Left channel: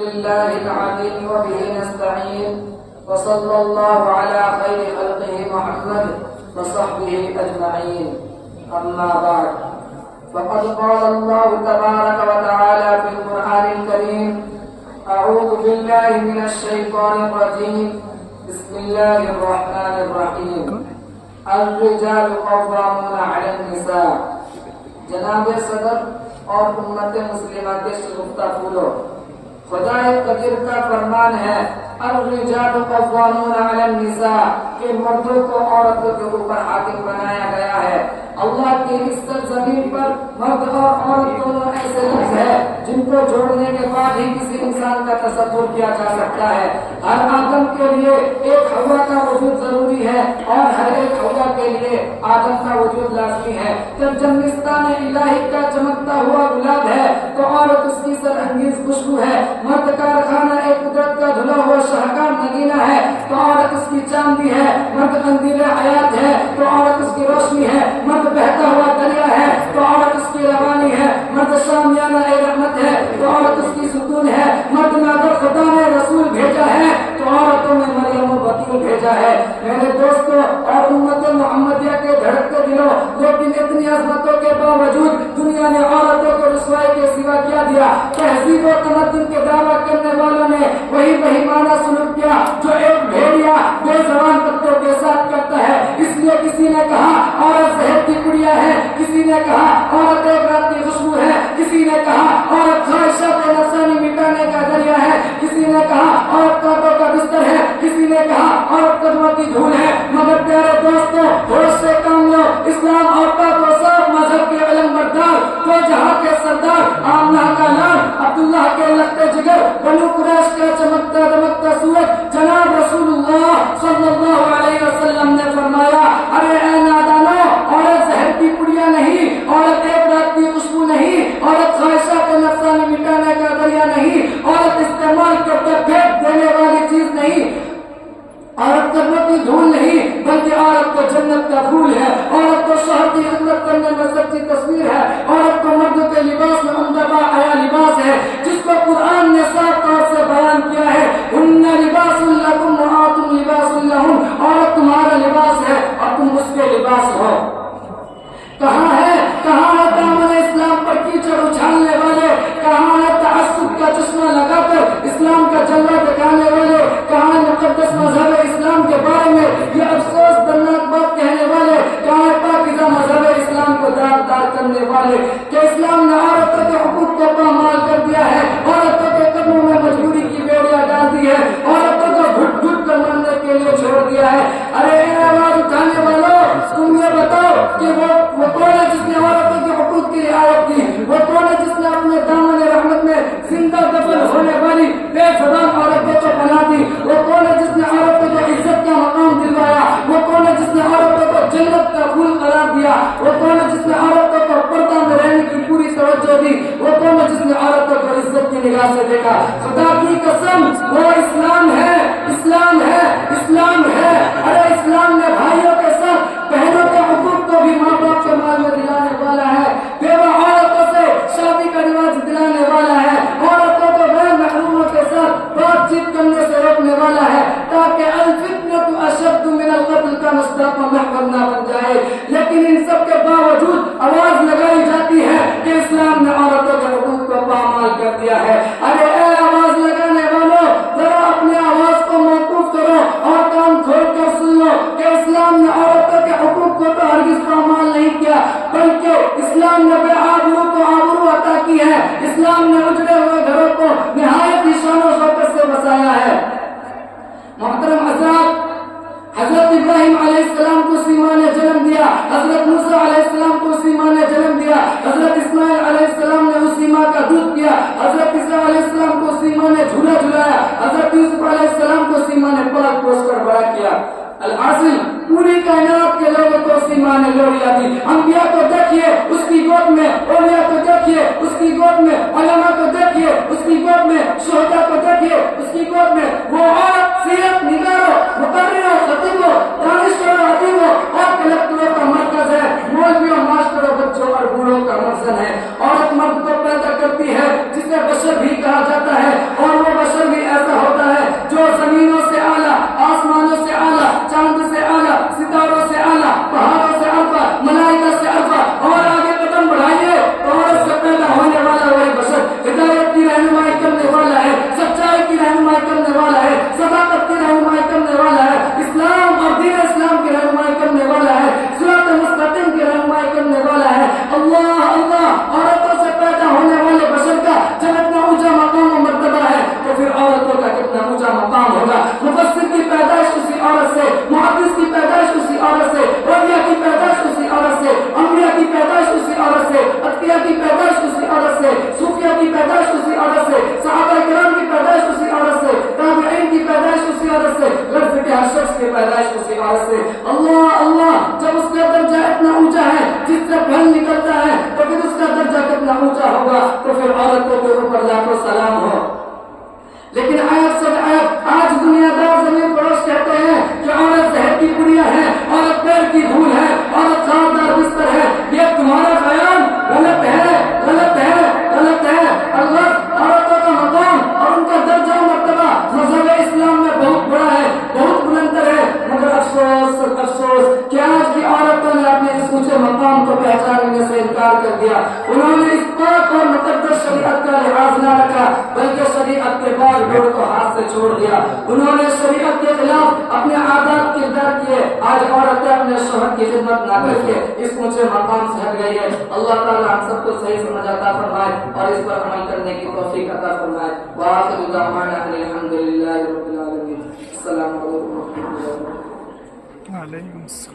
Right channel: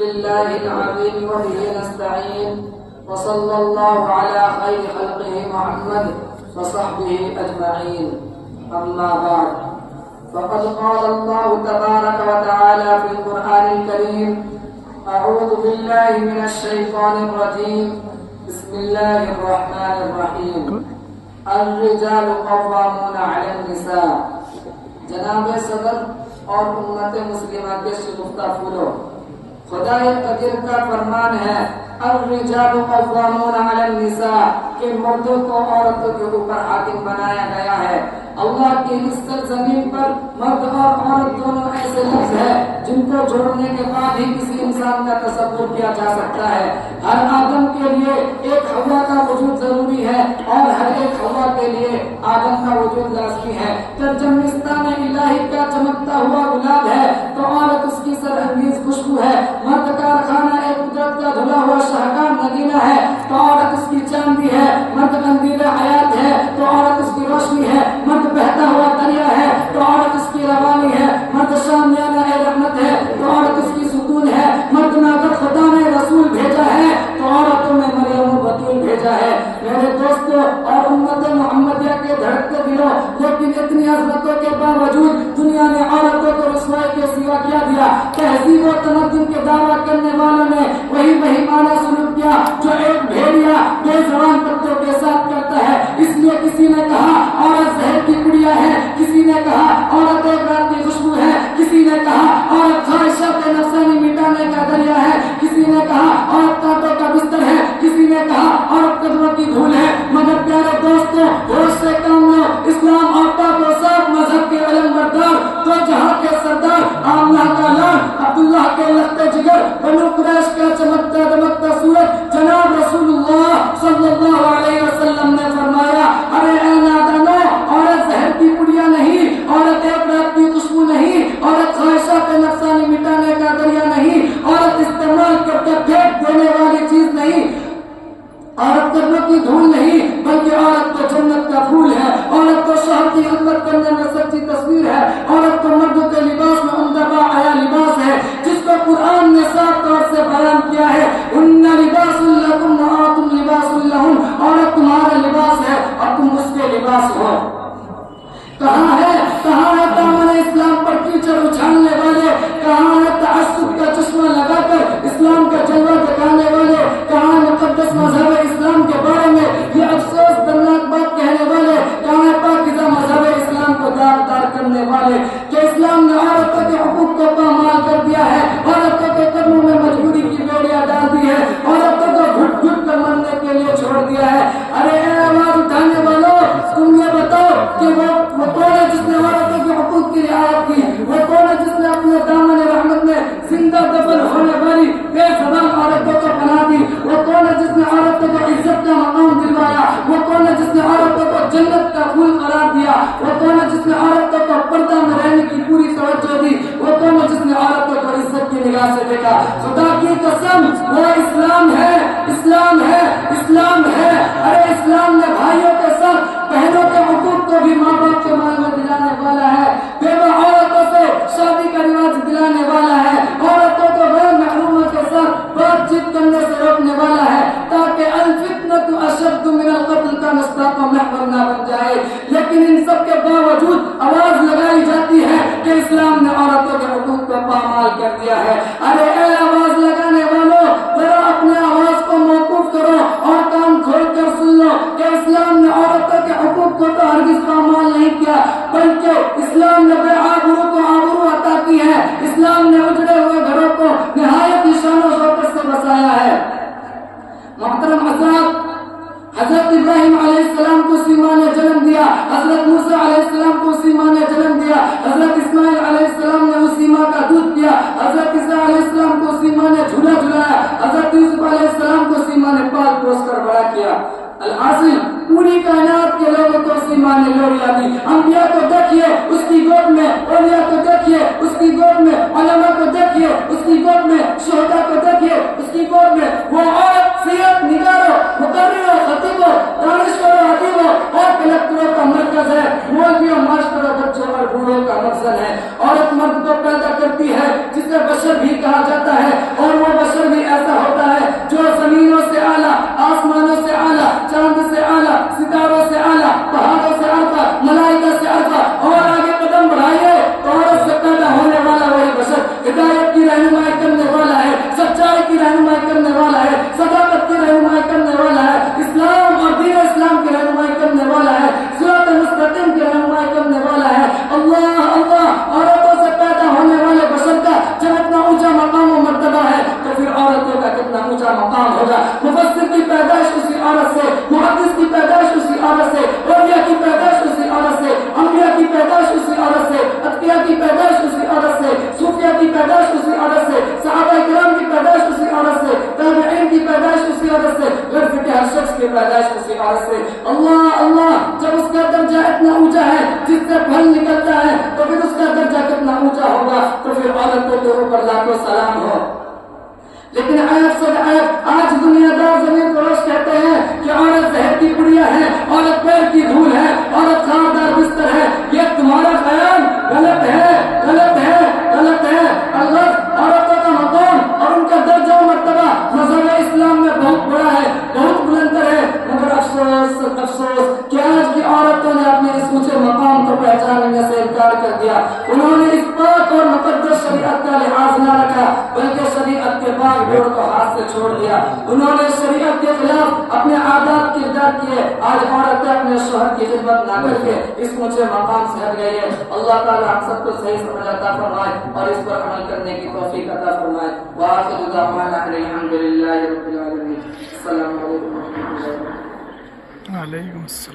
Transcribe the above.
لله العظيم وبه نستعين وصلى الله على خير خلقه محمد وصحبه أجمعين أما بعد فقد قال الله تبارك وتعالى في القرآن الكريم أعوذ بالله من الشيطان الرجيم بسم الله الرحمن الرحيم الرجال قوامون على النساء جناب صدر اور امت مسلمہ کے شگفتہ پھولو، خدا قدیر کا فرمان ہے الرجال قوامون علی النساء کہ مردوں کو عورتوں کے اوپر حاکم بنایا گیا ہے۔ اللہ کی عزت زمین پر مرد اور عورت دونوں ایسے لفظ ہے جن کو جوڑنے کے بعد ہی کسی انسان کا تصور کیا جا سکتا ہے۔ ہر آدم کے لیے ایک حوا کا وجود ضروری ہے اور ہر ایک حوا کے لیے آدم کا وجود لازمی ہے۔ جب جنستان الہی کا چمکتا ہوا گلاب ہے تو عورت اس کی سر انگیز خوشبو ہے۔ مرد کا رکھانا ایک قدرت کا دھلا ہوا شاہکار نگینہ ہے تو عورت اس کی چاندی ہے۔ مرد قندیل حیات ہے تو عورت اس کی روشنی ہے۔ مرد بہتا ہوا دریا ہے تو عورت اس کی روانی ہے۔ مرد شامیانہ رحمت ہے تو عورت اس کی ستون ہے۔ مرد میں اگر خدا نے رسول بھیجا ہے تو عورتوں میں مریم البتول بھیجا ہے۔ میرے دوستوں اور امت محمدیہ کے دھڑکتے دلوں، لیکن اتنی عظمتوں کے باوجود دنیا نے عورتوں کو رسوائی کے سوا کیا دیا؟ تہذیب و تمدن کے دعویٰ کرنے والوں نے وہی بہیمانہ سلوک کیا جو ایک بھیڑیا بے زبان کتوں کے ساتھ کرتا ہے۔ اس لیے کسی نے کہا عورت زہر کی گڑیا ہے، کسی نے کہا عورت ایک رات کی خوشبو ہے، کسی نے کہا عورت خواہشات نفسانی مٹانے کا ذریعہ ہے، کسی نے کہا عورت کانٹوں کا بستر ہے، کسی نے کہا عورت قدموں کی دھول ہے۔ مگر پیارے دوستوں، ہوش سے کام لو، اسلام اور پاک و صاف مذہب کے علم بردار، تو جہاں کے سردار، آمنہ کا لال، عبداللہ کے لخت جگر، بنو قریش کا چمکتا دمکتا سورج جناب رسول اللہ صلی اللہ علیہ وسلم نے فرمایا، ارے اے نادانو، عورت زہر کی پڑیا نہیں، عورت ایک رات کی خوشبو نہیں، عورت خواہشات نفسانی مٹانے کا ذریعہ نہیں، عورت استعمال کرتے پھینک دینے والی چیز نہیں، عورت قدموں کی دھول نہیں، بلکہ عورت تو جنت کا پھول ہے۔ عورت تو شوہر کی خدمت کرنے میں سچی تصویر ہے۔ عورت تو مردوں کے لباس میں عمدہ باحیا لباس ہے، جس کو قرآن نے صاف طور سے بیان کیا ہے، ان لباس لکم وانتم لباس لہم، عورت تمہارا لباس ہے اور تم اس کے لباس ہو۔ کہاں ہے دامن اسلام پر کیچڑ اچھالنے والے؟ کہاں ہے تعصب کا چشمہ لگا کر اسلام کا جلوہ دکھانے والے؟ کہاں ہے مقدس مذہب اسلام کے بارے میں یہ افسوس درناک بات کہنے والے؟ کہاں ہے پاکیزہ مذہب اسلام کو داغدار کرنے والے کہ اسلام نے عورتوں کے حقوق کو پامال کر دیا ہے، عورتوں کے قدموں میں مجبوری کی بیڑیاں ڈال دی ہے، عورتوں کو گھٹ گھٹ کر مرنے کے لیے چھوڑ دیا ہے۔ ارے اے آواز اٹھانے والوں، تم یہ بتاؤ کہ وہ کون ہے جس نے عورتوں کے حقوق کی رعایت کی؟ وہ کون ہے جس نے اپنے دامن رحمت میں زندہ دفن ہونے والی بے زبان عورتوں کو پناہ دی؟ وہ کون ہے جس نے عورتوں کو عزت کا مقام دلوایا؟ وہ کون ہے جس نے عورتوں کو جنت کا پھول قرار دیا؟ وہ کون ہے جس نے عورتوں کو پردہ میں رہنے کی پوری توجہ دی؟ وہ کون ہے جس نے عورتوں کو عزت کی نگاہ سے دیکھا؟ خدا کی قسم وہ اسلام ہے، اسلام ہے، اسلام ہے۔ ارے اسلام نے بھائیوں کے ساتھ بہنوں کے حقوق کو بھی ماں باپ کے مال میں دلانے والا ہے، بیوہ عورتوں سے شادی کا رواج دلانے والا ہے، عورتوں کو غیر محروموں کے ساتھ بات چیت کرنے سے روکنے والا ہے تاکہ الفتنۃ اشد من القتل کا مصداق محور نہ بن جائے۔ لیکن ان سب کے باوجود آواز لگائی جاتی ہے کہ اسلام نے عورتوں کے حقوق کو پامال کر دیا ہے۔ ارے اے آواز لگانے والوں، ذرا اپنے آواز کو موقوف کرو اور کان کھول کر سن لو کہ اسلام نے عورتوں کے حقوق کو تو ہرگز پامال نہیں کیا، بلکہ اسلام نے بے آبرو کو آبرو عطا کی ہے۔ اسلام نے اجڑے ہوئے گھروں کو نہایت ہی شان و شوکت سے بسایا ہے۔ محترم حضرات، حضرت ابراہیم علیہ السلام کو اسی ماں نے جنم دیا، حضرت موسیٰ علیہ السلام کو اسی ماں نے جنم دیا، حضرت اسماعیل علیہ السلام نے اسی ماں کا دودھ پیا، حضرت عیسیٰ علیہ السلام کو اسی ماں نے جھولا جھلایا، حضرت یوسف علیہ السلام کو اسی ماں نے پال پوس کر بڑا کیا۔ الحاصل پوری کائنات کے لوگوں کو اسی ماں نے لوڑیا دی۔ انبیاء کو دیکھیے اس کی گود میں، اولیاء کو دیکھیے اس کی گود میں، علماء کو دیکھیے اس کی گود میں، شہداء کو دیکھیے اس کی گود میں۔ وہ عورت سیرت نگاروں، مقرروں، خطیبوں، دانشوروں، ادیبوں اور کلکٹروں کا مرکز ہے، مولویوں، ماسٹروں، بچوں اور بوڑھوں کا مقصد ہے۔ عورت مرد کو پیدا کرتی ہے جسے بشر بھی کہا جاتا ہے، اور وہ دیا. انہوں نے اس پاک اور مقدس شریعت کا لحاظ نہ رکھا بلکہ شریعت کے پاک ڈور کو ہاتھ سے چھوڑ دیا. انہوں نے شریعت کے خلاف اپنے عادات کردار کیے. آج عورتیں اپنے شوہر کی خدمت نہ کر کے اس اونچے مقام سے ہٹ گئی ہے. اللہ تعالی ہم سب کو صحیح سمجھ عطا فرمائے اور اس پر عمل کرنے کی توفیق عطا فرمائے. وآخر دعوانا الحمد للہ رب العالمین. السلام علیکم ورحمۃ اللہ وبرکاتہ. وعلیکم السلام.